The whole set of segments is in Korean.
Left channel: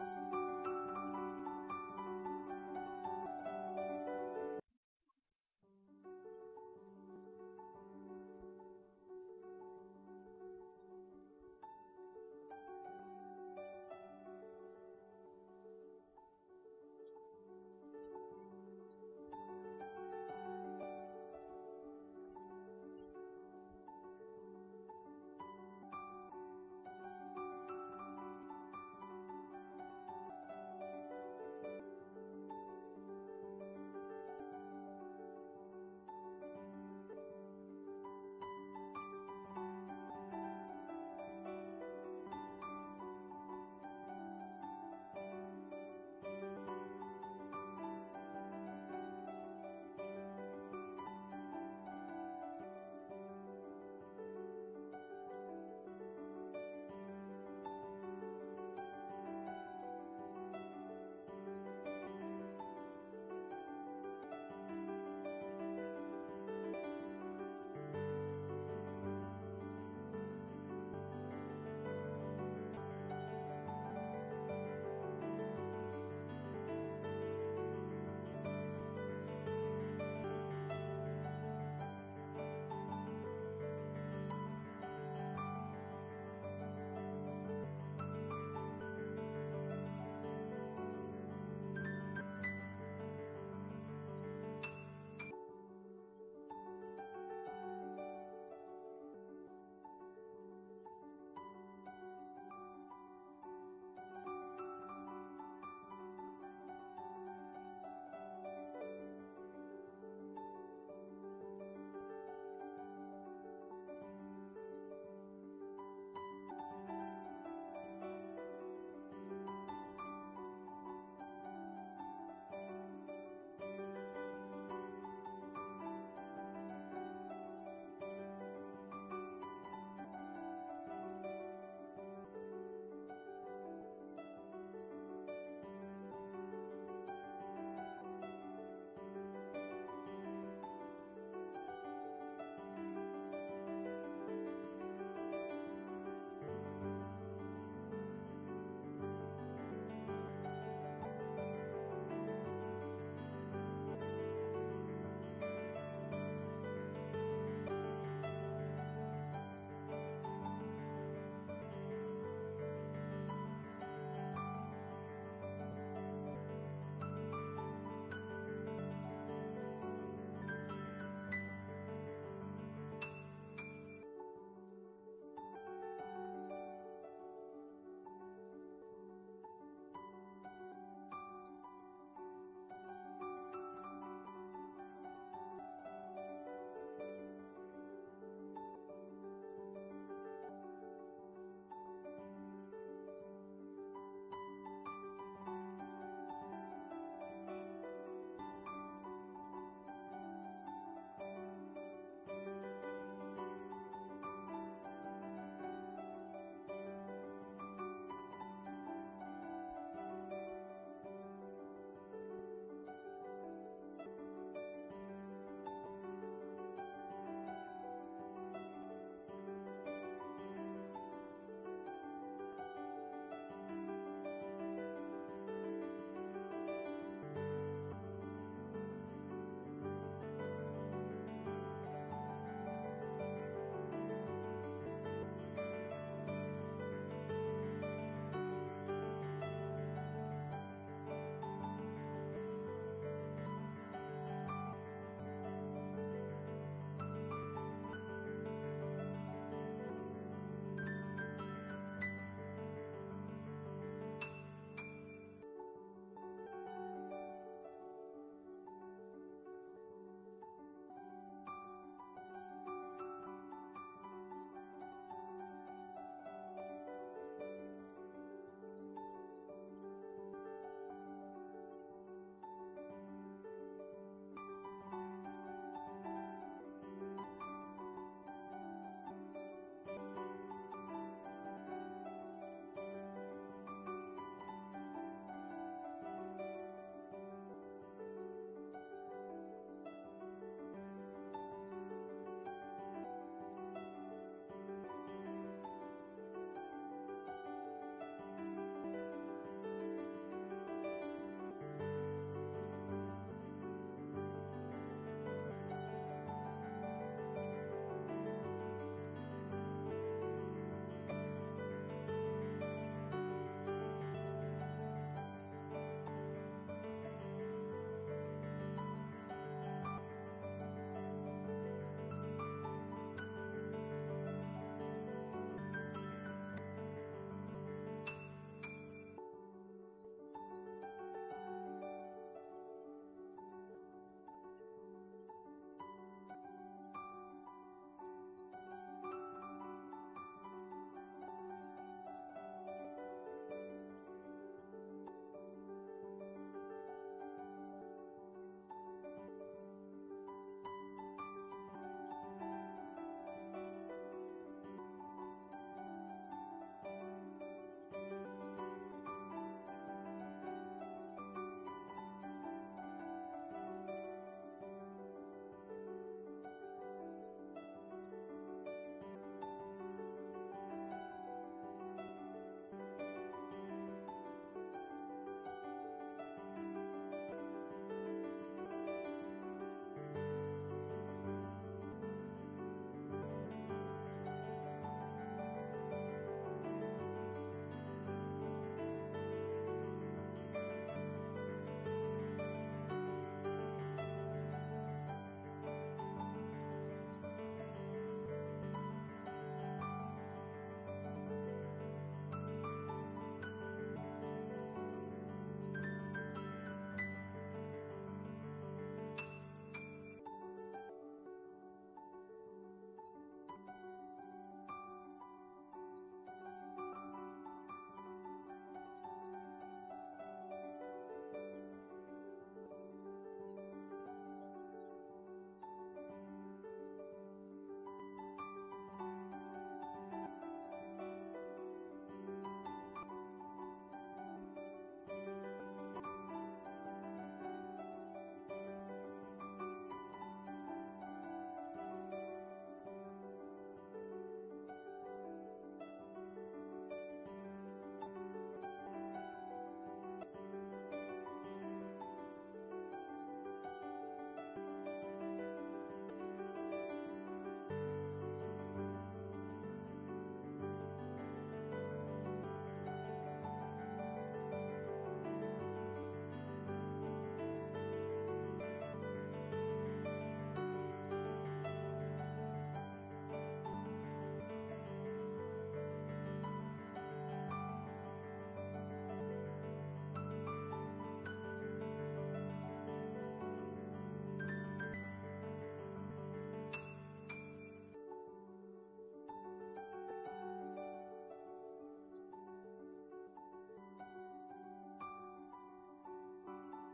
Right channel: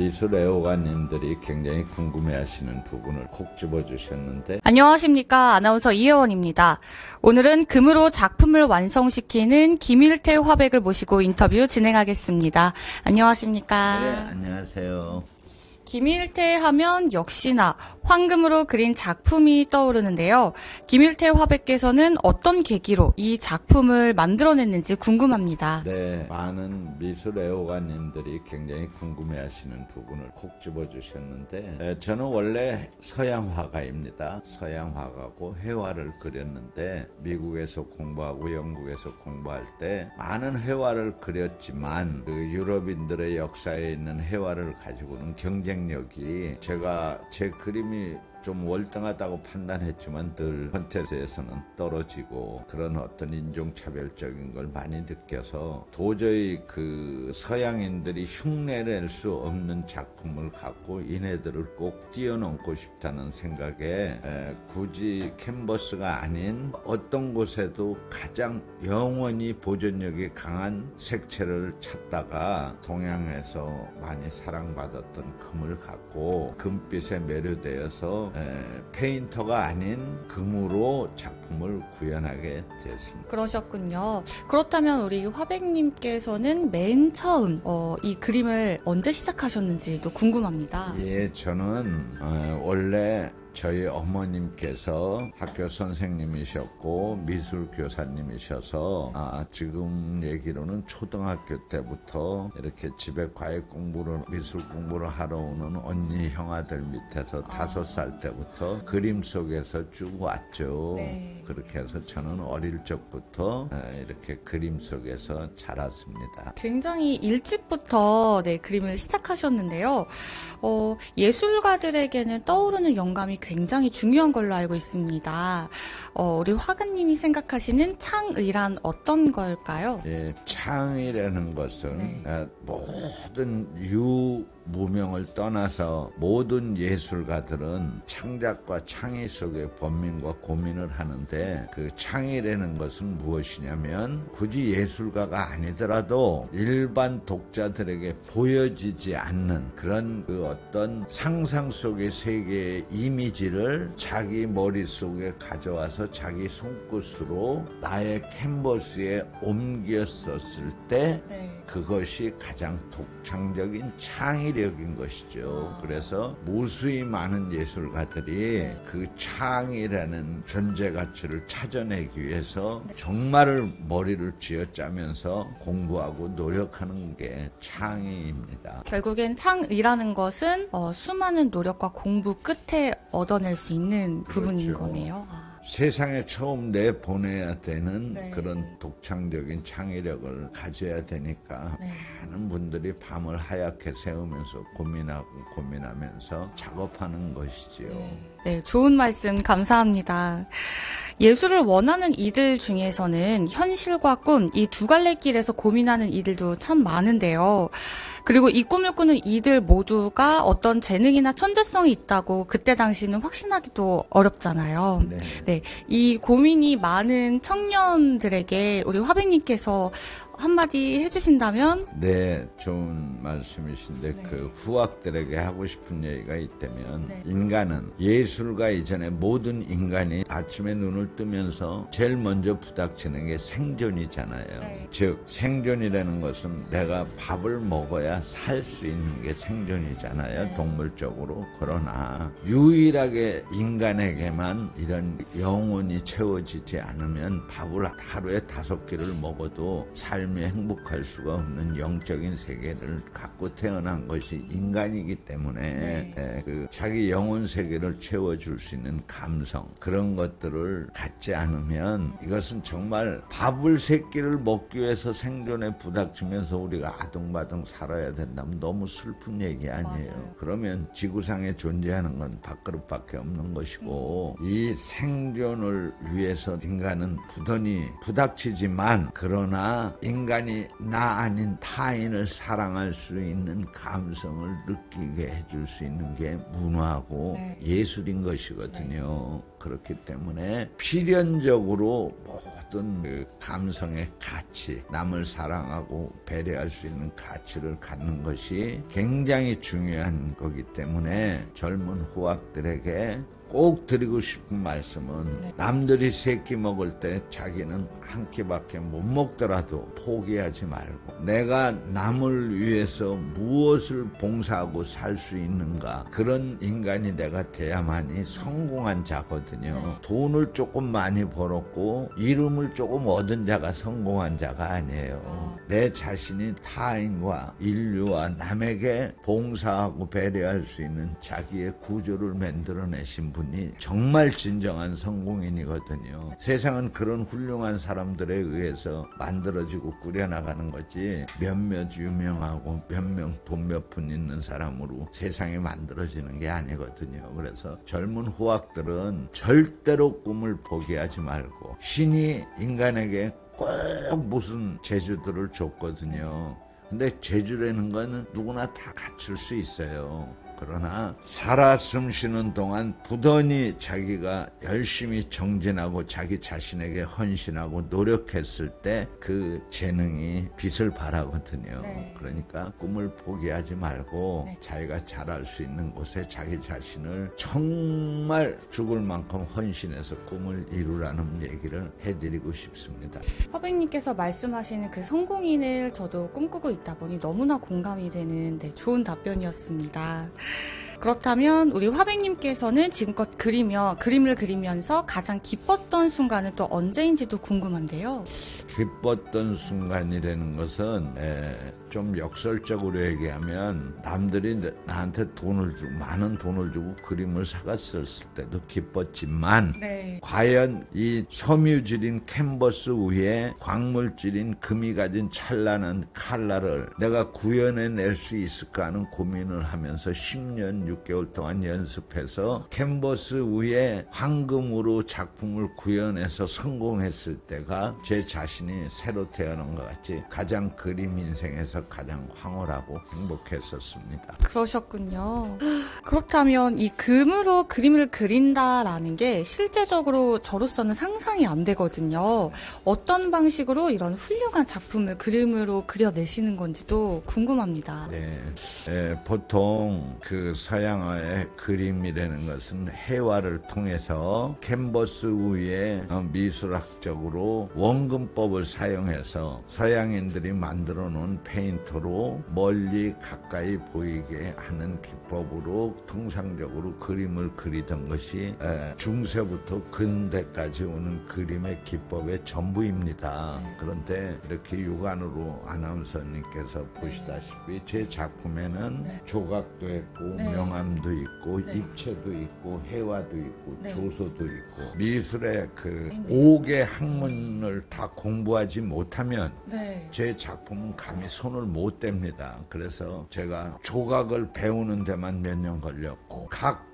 미술 애호가님들이 굉장히 궁금해하시는 부분을 콕 집어주셨는데. 안녕하십니까. 아나운서 이혜원입니다. 오늘은 금으로 작품을 완성시키는 김일태 화백을 모시고 인터뷰 진행하겠습니다. 안녕하십니까. 네, 안녕하세요. 김일태 하면 역시나 황금으로 그린 작품이 떠오르는데요. 김일태 화백께서는 어떤 계기로 이 작품을 만들어냈는지 궁금합니다. 네, 많은 미술 애호가님들이 굉장히 궁금해하시는 부분을 콕 집어주셨는데, 저는 원래 서양 화가입니다. 서양 화가고 회화를 그렸는데 미국에서 공부하고 영국에서 공부할 때 많은 회화를 그렸지만 그 유럽인들의 역사에 있는 회화를 가지고는 경쟁력이, 제가 제 그림이 좀 월등하다고 판단했지만 늘 콘테스트에서는 떨어지고 그런 어떤 인종차별적인 걸 많이 느껴서 도저히 그 서양인들이 흉내낼 수 없는 작품을 갖고 이네들을 꼭 뛰어넘고 싶다는 생각에 굳이 캔버스가 아닌 어떤 곳에도 가장 영원히 보존력이 강한 색채를 찾다가 동양에서 많이 사랑받았던 금을 갖고 금빛에 매료되어서 페인터가 아닌 금으로 작품을 구현하게 됐습니다. 그러셨군요. 그렇다면 우리 화백님께서는 맨 처음 이 그림을 언제 시작하셨는지도 궁금합니다. 예, 저는 원래 저희 어머님께서 학교 선생님이셨고 미술 교사님이셔서 지금 얘기로는 초등학교 때부터 이렇게 집에 과외 공부를, 미술 공부를 하러 오는 언니 형아들 밑에서 5살 때부터 그림 속에서 쭉 왔죠. 네. 그렇게 해서 저는 어릴 적부터 이렇게 그림 속에서 자랐습니다. 굉장히 일찍부터 그림을 시작하셨는데요. 예술가들에게는 떠오르는 영감이 굉장히 중요한 걸로 알고 있습니다. 우리 화가님이 생각하시는 창의란 어떤 걸까요? 예, 창의라는 것은 모든 무명을 떠나서 모든 예술가들은 창작과 창의 속에 번민과 고민을 하는데, 그 창의라는 것은 무엇이냐면 굳이 예술가가 아니더라도 일반 독자들에게 보여지지 않는 그런 그 어떤 상상 속의 세계의 이미지를 자기 머릿속에 가져와서 자기 손끝으로 나의 캔버스에 옮겼었을 때 그것이 가장 독창적인 창의력인 것이죠. 그래서 무수히 많은 예술가들이 그 창의라는 존재 가치를 찾아내기 위해서 정말 머리를 쥐어짜면서 공부하고 노력하는 게 창의입니다. 결국엔 창의라는 것은 수많은 노력과 공부 끝에 얻어낼 수 있는 부분인 거네요. 세상에 처음 내보내야 되는 그런 독창적인 창의력을 가져야 되니까 많은 분들이 밤을 하얗게 새우면서 고민하면서 작업하는 것이지요. 네, 좋은 말씀 감사합니다. 예술을 원하는 이들 중에서는 현실과 꿈, 이 두 갈래 길에서 고민하는 이들도 참 많은데요. 그리고 이 꿈을 꾸는 이들 모두가 어떤 재능이나 천재성이 있다고 그때 당시는 확신하기도 어렵잖아요. 네, 이 고민이 많은 청년들에게 우리 화백님께서 한마디 해주신다면? 네, 좋은 말씀이신데 그 후학들에게 하고 싶은 얘기가 있다면 인간은 예술가 이전에 모든 인간이 아침에 눈을 뜨면서 제일 먼저 부닥치는 게 생존이잖아요. 즉 생존이라는 것은 내가 밥을 먹어야 살 수 있는 게 생존이잖아요. 동물적으로. 그러나 유일하게 인간에게만 이런 영혼이 채워지지 않으면 밥을 하루에 5끼를 먹어도 삶이 행복할 수가 없는 영적인 세계를 갖고 태어난 것이 인간이기 때문에 그 자기 영혼 세계를 채워줄 수 있는 감성, 그런 것들을 갖지 않으면 이것은 정말 밥을 3끼를 먹기 위해서 생존에 부닥치면서 우리가 아둥바둥 살아야 된다면 너무 슬픈 얘기 아니에요. 그러면 지구상에 존재하는 건 밥그릇밖에 없는 것이고, 이 생존을 위해서 인간은 부단히 부닥치지만, 그러나 인간이 나 아닌 타인을 사랑할 수 있는 감성을 느끼게 해줄 수 있는 게 문화고 예술인 것이거든요. 그렇기 때문에 필연적으로 어떤 그 감성의 가치, 남을 사랑하고 배려할 수 있는 가치를 갖는 것이 굉장히 중요한 거기 때문에 젊은 후학들에게 꼭 드리고 싶은 말씀은 남들이 3끼 먹을 때 자기는 한 끼밖에 못 먹더라도 포기하지 말고 내가 남을 위해서 무엇을 봉사하고 살 수 있는가, 그런 인간이 내가 돼야만이 성공한 자거든요. 돈을 조금 많이 벌었고 이름을 조금 얻은 자가 성공한 자가 아니에요. 내 자신이 타인과 인류와 남에게 봉사하고 배려할 수 있는 자기의 구조를 만들어내신 분이 정말 진정한 성공인이거든요. 세상은 그런 훌륭한 사람들에 의해서 만들어지고 꾸려나가는 거지 몇몇 유명하고 몇 명 돈 몇 푼 있는 사람으로 세상이 만들어지는 게 아니거든요. 그래서 젊은 후학들은 절대로 꿈을 포기하지 말고, 신이 인간에게 꼭 무슨 재주들을 줬거든요. 근데 재주라는 거는 누구나 다 갖출 수 있어요. 그러나 살아 숨쉬는 동안 부단히 자기가 열심히 정진하고 자기 자신에게 헌신하고 노력했을 때 그 재능이 빛을 발하거든요. 그러니까 꿈을 포기하지 말고 자기가 잘할 수 있는 곳에 자기 자신을 정말 죽을 만큼 헌신해서 꿈을 이루라는 얘기를 해드리고 싶습니다. 화백님께서 말씀하시는 그 성공인을 저도 꿈꾸고 있다 보니 너무나 공감이 되는 좋은 답변이었습니다. 그렇다면 우리 화백님께서는 지금껏 그림을 그리면서 가장 기뻤던 순간은 또 언제인지도 궁금한데요. 기뻤던 순간이라는 것은 좀 역설적으로 얘기하면 남들이 나한테 많은 돈을 주고 그림을 사갔을 때도 기뻤지만 과연 이 섬유질인 캔버스 위에 광물질인 금이 가진 찬란한 칼라를 내가 구현해낼 수 있을까 하는 고민을 하면서 10년 6개월 동안 연습해서 캔버스 위에 황금으로 작품을 구현해서 성공했을 때가 제 자신이 새로 태어난 것 같이 가장 그림 인생에서 가장 황홀하고 행복했었습니다. 그러셨군요. 그렇다면 이 금으로 그림을 그린다라는 게 실제적으로 저로서는 상상이 안 되거든요. 어떤 방식으로 이런 훌륭한 작품을 그림으로 그려내시는 건지도 궁금합니다. 보통 그 서양어의 그림이라는 것은 해화를 통해서 캔버스 위에 미술학적으로 원근법을 사용해서 서양인들이 만들어 놓은 페인터로 멀리 가까이 보이게 하는 기법으로 통상적으로 그림을 그리던 것이 중세부터 근대까지 오는 그림의 기법의 전부입니다. 그런데 이렇게 육안으로 아나운서님께서 보시다시피 제 작품에는 조각도 있고 명암도 있고 입체도 있고 해화도 있고 조소도 있고 미술의 그 5개 학문을 다 공부하지 못하면 제 작품은 감히 손을 못 댑니다. 그래서 제가 조각을 배우는 데만 몇 년 걸렸고 각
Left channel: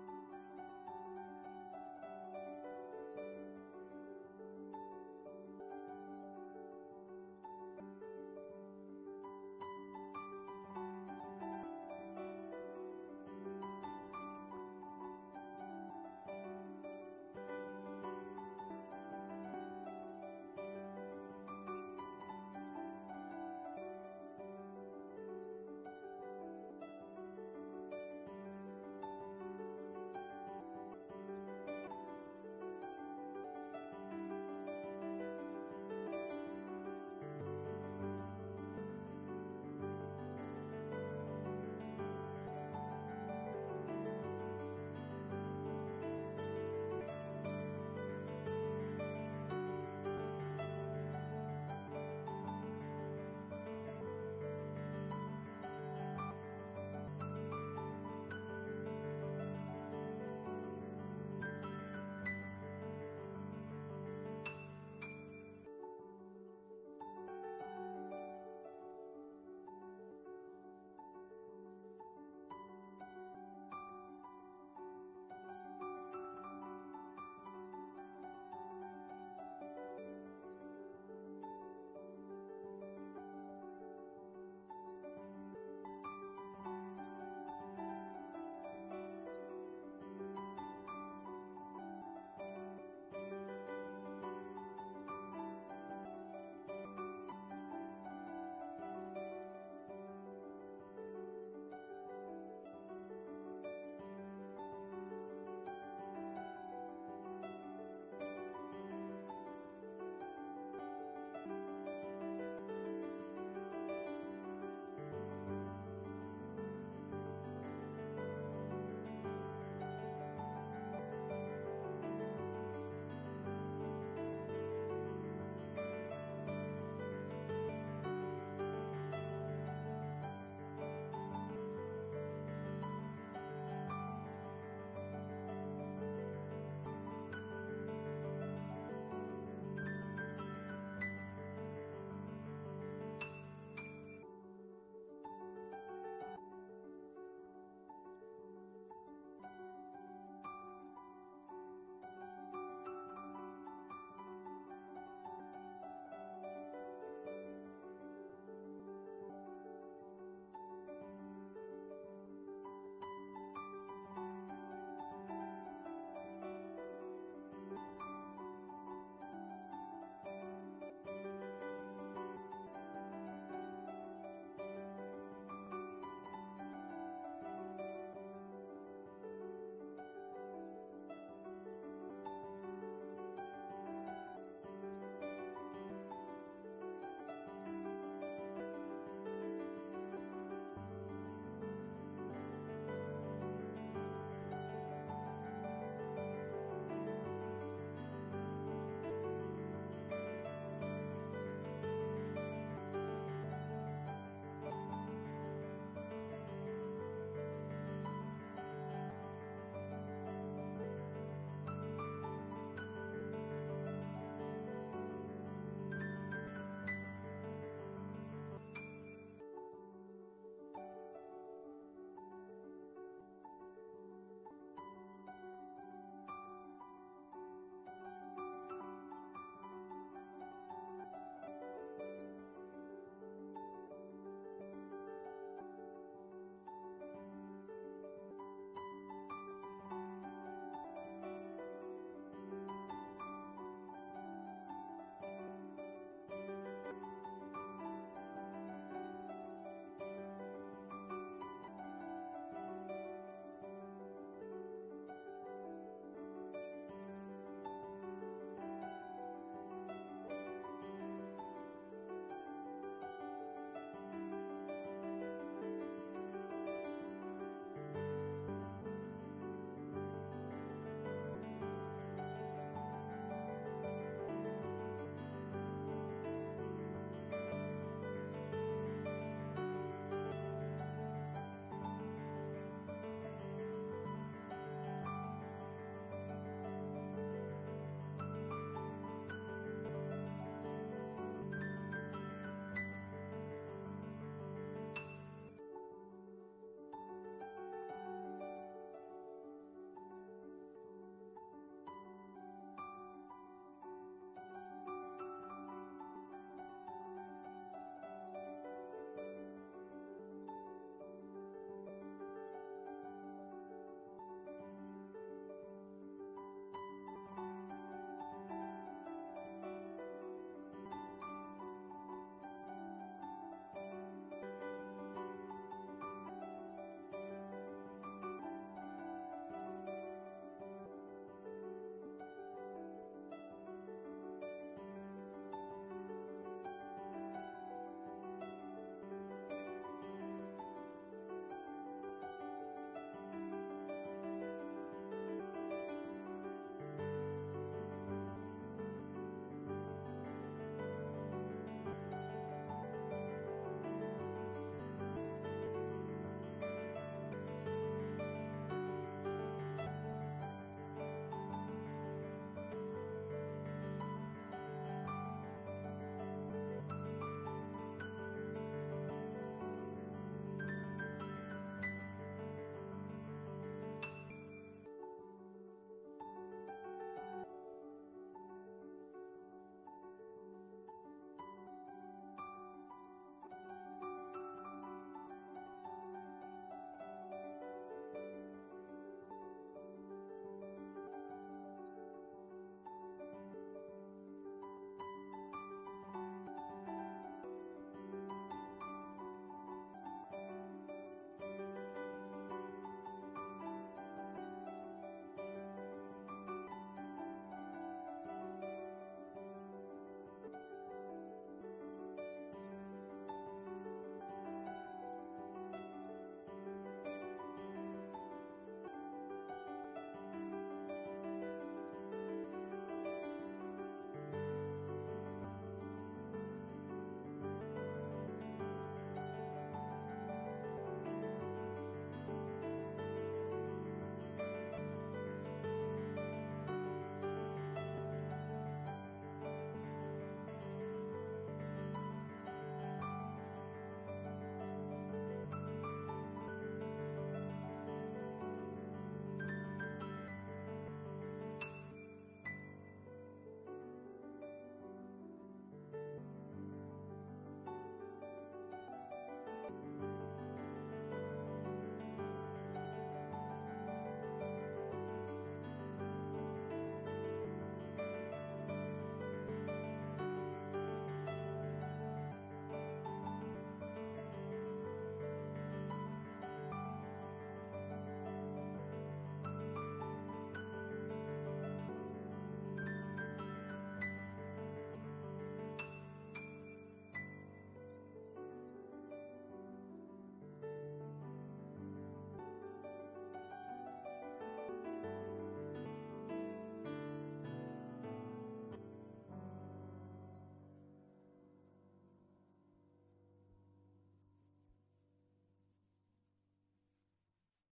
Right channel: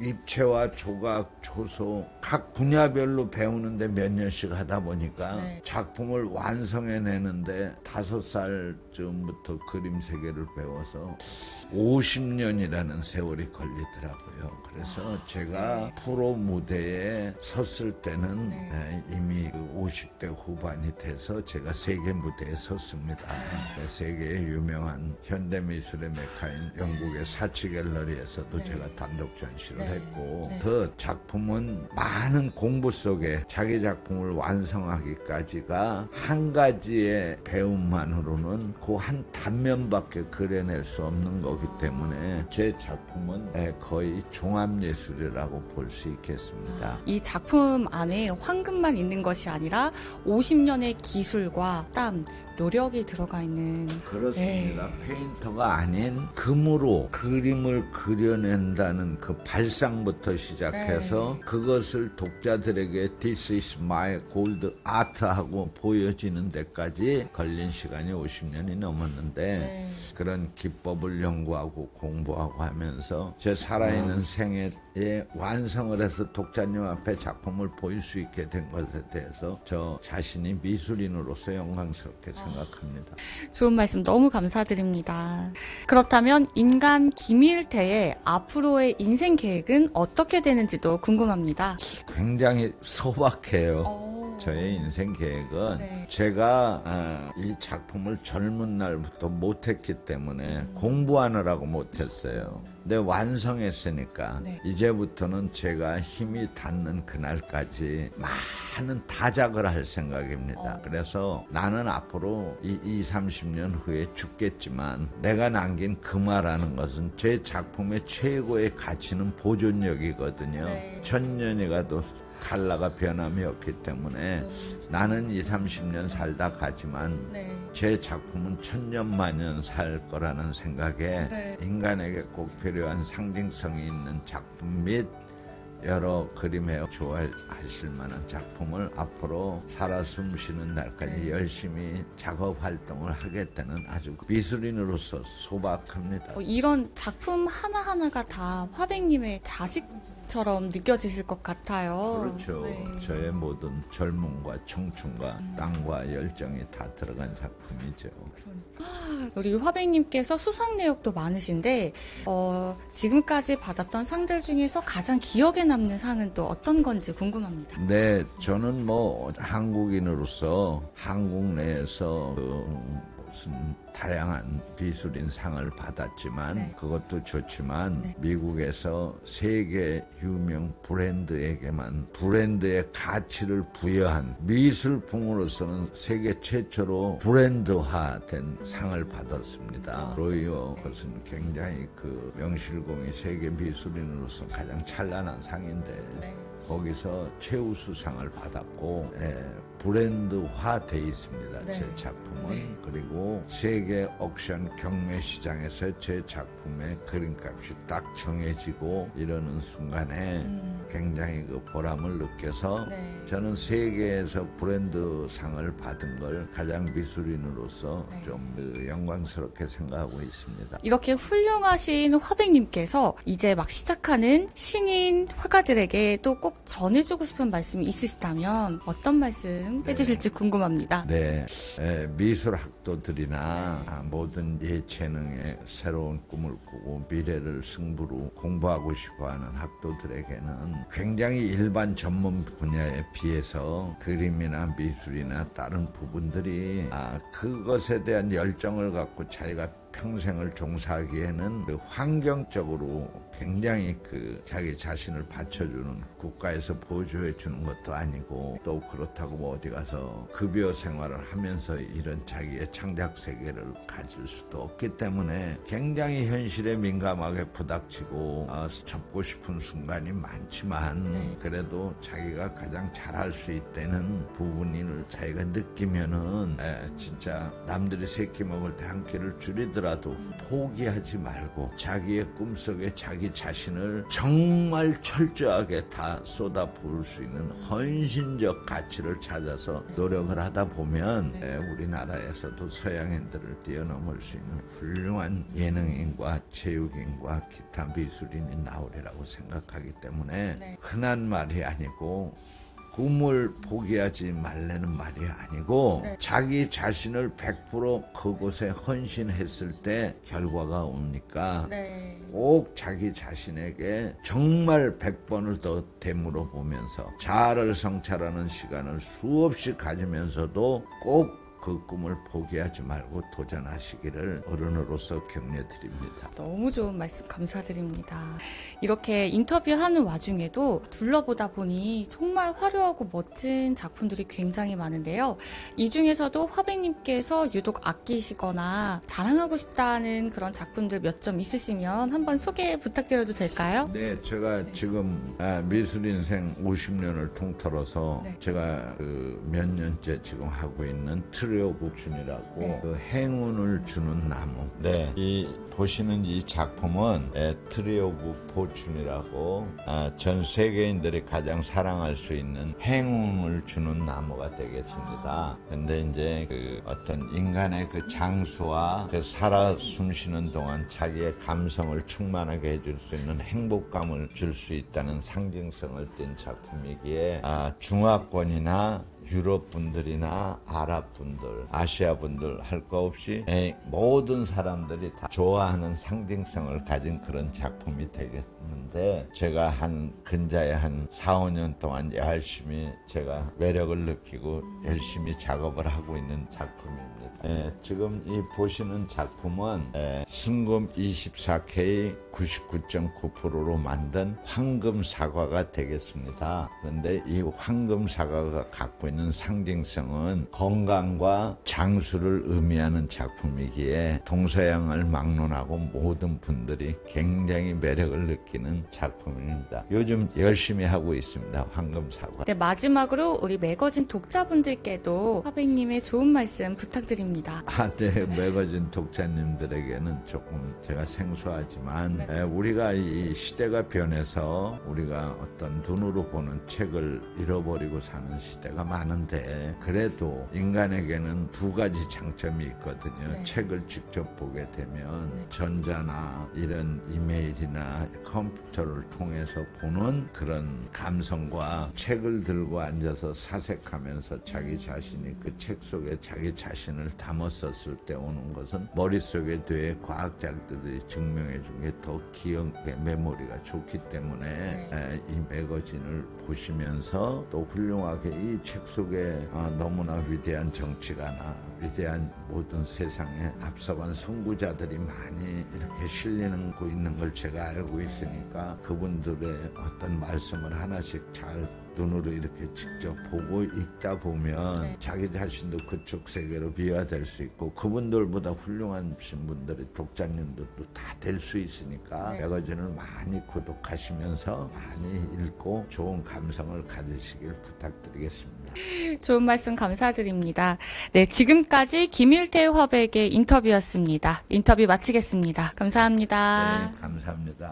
입체와 조각, 조소 각 분야별로 배우는데 몇 년씩 하다 보니까 작품을 완성해내는데 5살쯤부터 그림 세계를 배워서 50년이라는 세월이 걸리더라고요. 그래서 제가 프로 무대에 섰을 때는 이미 50대 후반이 돼서 제가 세계 무대에 섰습니다. 세계의 유명한 현대미술의 메카인 영국의 사치 갤러리에서도 제가 단독 전시를 했고 그 작품은 많은 공부 속에 자기 작품을 완성하기까지가 한 가지의 배움만으로는 그 한 단면밖에 그려낼 수 없는 거기 때문에 제 작품은 거의 종합예술이라고 볼 수 있겠습니다. 이 작품 안에 황금만 있는 것이 아니라 50년의 기술과 땀, 노력이 들어가 있는. 그렇습니다. 페인터가 아닌 금으로 그림을 그려낸다는 그 발상부터 시작해서 그것을 독자들에게 This is my gold art 하고 보여지는 데까지 걸린 시간이 50년이 넘었는데 그런 기법을 연구하고 공부하고 하면서 제 살아있는 생애에 완성을 해서 독자님 앞에 작품을 보일 수 있게 된 것에 대해서 저 자신이 미술인으로서 영광스럽게 생각합니다. 좋은 말씀 너무 감사드립니다. 그렇다면 인간 김일태의 앞으로의 인생 계획은 어떻게 되는지도 궁금합니다. 굉장히 소박해요. 저의 인생 계획은 네. 제가 이 작품을 젊은 날부터 못했기 때문에 공부하느라고 못했어요. 근데 완성했으니까 네. 이제부터는 제가 힘이 닿는 그날까지 많은 다작을 할 생각입니다. 그래서 나는 앞으로 30년 후에 죽겠지만 내가 남긴 금화라는 것은 제 작품의 최고의 가치는 보존력이거든요. 네. 천년이 가도 칼라가 변함이 없기 때문에 나는 30년 살다 가지만 네. 제 작품은 천년만년 살 거라는 생각에 네. 인간에게 꼭 필요한 상징성이 있는 작품 및 여러 그림에 좋아하실 만한 작품을 앞으로 살아 숨쉬는 날까지 열심히 작업 활동을 하겠다는 아주 미술인으로서 소박합니다. 이런 작품 하나하나가 다 화백님의 자식처럼 느껴지실 것 같아요. 그렇죠. 네. 저의 모든 젊음과 청춘과 땅과 열정이 다 들어간 작품이죠. 우리 화백님께서 수상 내역도 많으신데 지금까지 받았던 상들 중에서 가장 기억에 남는 상은 또 어떤 건지 궁금합니다. 네, 저는 뭐 한국인으로서 한국 내에서 무슨 다양한 비술인 상을 받았지만 네. 그것도 좋지만 네. 미국에서 세계 유명 브랜드에게만 브랜드의 가치를 부여한 미술품으로서는 세계 최초로 브랜드화된 상을 받았습니다. 로이어 것은 굉장히 그 명실공히 세계 미술인으로서 가장 찬란한 상인데 네. 거기서 최우수상을 받았고 브랜드화돼 있습니다. 네. 제 작품은. 네. 그리고 세계 옥션 경매 시장에서 제 작품의 그림값이 딱 정해지고 이러는 순간에 굉장히 그 보람을 느껴서 네. 저는 세계에서 브랜드상을 받은 걸 가장 미술인으로서 네. 좀 영광스럽게 생각하고 있습니다. 이렇게 훌륭하신 화백님께서 이제 막 시작하는 신인 화가들에게 또 꼭 전해주고 싶은 말씀이 있으시다면 어떤 말씀 해주실지 궁금합니다. 네, 미술 학도들이나 모든 예체능의 새로운 꿈을 꾸고 미래를 승부로 공부하고 싶어하는 학도들에게는 굉장히 일반 전문 분야에 비해서 그림이나 미술이나 다른 부분들이 그것에 대한 열정을 갖고 자기가 평생을 종사하기에는 그 환경적으로 굉장히 그 자기 자신을 받쳐주는 국가에서 보조해 주는 것도 아니고 또 그렇다고 뭐 어디 가서 급여 생활을 하면서 이런 자기의 창작 세계를 가질 수도 없기 때문에 굉장히 현실에 민감하게 부닥치고 접고 싶은 순간이 많지만 그래도 자기가 가장 잘할 수 있다는 부분을 자기가 느끼면은 진짜 남들이 세끼 먹을 때 한 끼를 줄이더라도 포기하지 말고 자기의 꿈속에 자기 자신을 정말 철저하게 다 쏟아부을 수 있는 헌신적 가치를 찾아서 노력을 하다 보면 우리나라에서도 서양인들을 뛰어넘을 수 있는 훌륭한 예능인과 체육인과 기타 미술인이 나오리라고 생각하기 때문에 흔한 말이 아니고 꿈을 포기하지 말라는 말이 아니고 자기 자신을 100% 그곳에 헌신했을 때 결과가 오니까 꼭 자기 자신에게 정말 100번을 더 되물어 보면서 자아를 성찰하는 시간을 수없이 가지면서도 꼭 그 꿈을 포기하지 말고 도전하시기를 어른으로서 격려드립니다. 너무 좋은 말씀 감사드립니다. 이렇게 인터뷰하는 와중에도 둘러보다 보니 정말 화려하고 멋진 작품들이 굉장히 많은데요. 이 중에서도 화백님께서 유독 아끼시거나 자랑하고 싶다는 그런 작품들 몇 점 있으시면 한번 소개 부탁드려도 될까요? 네, 제가 지금 미술인생 50년을 통틀어서 제가 몇 년째 지금 하고 있는 트리오 복순이라고 그 행운을 주는 나무. 네, 이 보시는 이 작품은 트리 오브 포춘이라고 전 세계인들이 가장 사랑할 수 있는 행운을 주는 나무가 되겠습니다. 근데 이제 그 어떤 인간의 그 장수와 그 살아 숨쉬는 동안 자기의 감성을 충만하게 해줄 수 있는 행복감을 줄 수 있다는 상징성을 띤 작품이기에 중화권이나 유럽 분들이나 아랍 분들, 아시아 분들 할 거 없이 모든 사람들이 다 좋아하는 상징성을 가진 그런 작품이 되겠는데, 제가 근자에 한 4, 5년 동안 열심히 제가 매력을 느끼고 열심히 작업을 하고 있는 작품입니다. 지금 이 보시는 작품은 순금 24K 99.9%로 만든 황금 사과가 되겠습니다. 그런데 이 황금 사과가 갖고 있는 상징성은 건강과 장수를 의미하는 작품이기에 동서양을 막론하고 모든 분들이 굉장히 매력을 느끼는 작품입니다. 요즘 열심히 하고 있습니다. 황금 사과. 네, 마지막으로 우리 매거진 독자분들께도 화백님의 좋은 말씀 부탁드립니다. 네, 매거진 독자님들에게는 조금 제가 생소하지만 우리가 이 시대가 변해서 우리가 어떤 눈으로 보는 책을 잃어버리고 사는 시대가 많은데, 그래도 인간에게는 두 가지 장점이 있거든요. 책을 직접 보게 되면 전자나 이런 이메일이나 컴퓨터를 통해서 보는 그런 감성과 책을 들고 앉아서 사색하면서 자기 자신이 그 책 속에 자기 자신을 담았었을 때 오는 것은 머릿속에 뒤에 과학자들이 증명해 준 게 더 기억 메모리가 좋기 때문에 이 매거진을 보시면서 또 훌륭하게 이 책 속에 너무나 위대한 정치가나 위대한 모든 세상에 앞서간 선구자들이 많이 이렇게 실리는 거 있는 걸 제가 알고 있으니까, 그분들의 어떤 말씀을 하나씩 잘 눈으로 이렇게 직접 보고 읽다 보면 자기 자신도 그쪽 세계로 비화될 수 있고, 그분들보다 훌륭하신 분들이 독자님들도 다 될 수 있으니까 매거진을 많이 구독하시면서 많이 읽고 좋은 감성을 가지시길 부탁드리겠습니다. 좋은 말씀 감사드립니다. 네, 지금까지 김일태 화백의 인터뷰였습니다. 인터뷰 마치겠습니다. 감사합니다. 네, 감사합니다.